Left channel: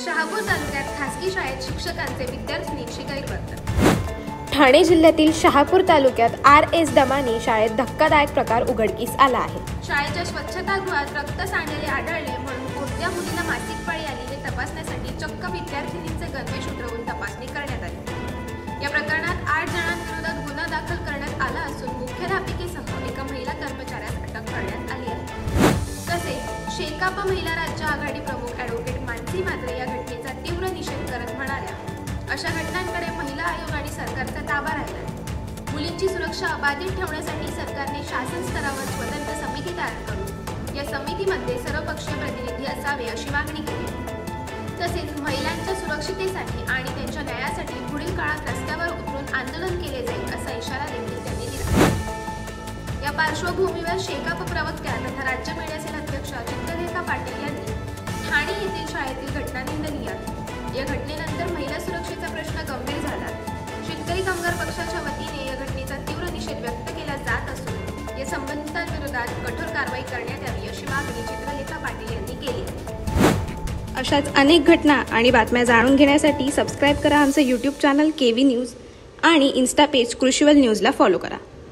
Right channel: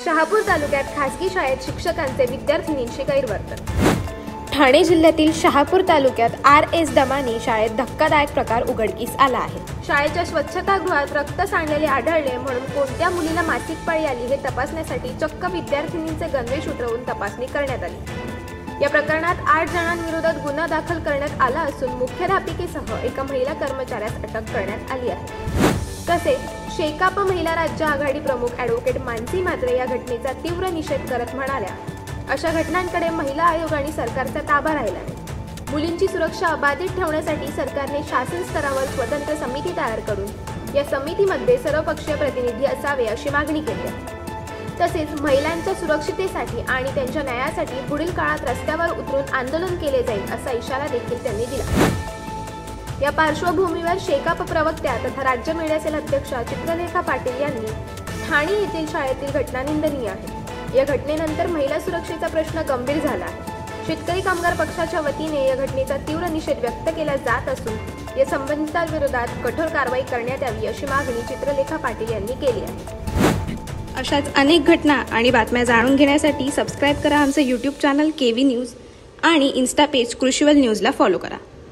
शहापूर तालुक्यात खासगी शाळेत शिक्षकांचे विद्यार्थिनींशी गैरवर्तन। ठाणे जिल्ह्यातील शहापूर तालुक्यात RS दमानी शाळेत धक्कादायक प्रकार उघडकीस आला आहे। शाळेच्या स्वच्छतागृहात रक्त सांडलेले आढळले म्हणून कोणत्या मुलीला मासिक पाळी आली हे तपासण्यासाठी चक्क विद्यार्थिनींचे गणवेश उतरवून तपासणी करण्यात आली। या प्रकरणात 8 जणांविरोधात गुन्हा दाखल करण्यात आला असून मुख्याध्यापिकेसह एका महिला कर्मचाऱ्यास अटक करण्यात आली आहे। तसेच शेकाप महिला राज्य आघाडी प्रमुख ॲडव्होकेट मानसी म्हात्रे या घटनेचा तीव्र निषेध करत म्हणाल्या, अशा घटनांकडे महिला आयोग आणि सरकारचा ताबा राहिला। मुलींची सुरक्षा अबाधित ठेवण्यासाठी सरकारने शासन स्तरावर स्वतंत्र समिती तयार करून या समितीमध्ये सर्वपक्षीय प्रतिनिधी असावे अशी मागणी केली आहे। तसेच महिलांच्या सुरक्षिततेसाठी आणि त्यांच्या न्यायासाठी पुढील काळात रस्त्यावर उतरून आंदोलन केले जाईल असा इशारा देखील त्यांनी दिला। या पार्श्वभूमीवर शेकाप प्रवक्त्या तथा राज्य मीडियासेल अध्यक्षा चित्रलेखा पाटील यांनी ठाणे येथील शाळेतील घटना निंदनीय आहे। या घटनेनंतर महिला सुरक्षेचा प्रश्न गंभीर झाला। शेतकरी कामगार पक्षाच्या वतीने या घटनेचा तीव्र निषेध व्यक्त केला जात असून या संबंधितांविरोधात कठोर कारवाई करण्यात यावी अशी मागणी चित्रलेखा पाटील यांनी केली आहे। अशाच अनेक घटना आणि बातम्या जाणून घेण्यासाठी सबस्क्राईब करा आमचे YouTube चॅनल KV न्यूज आणि इन्स्टा पेज कृषीवल न्यूजला फॉलो करा।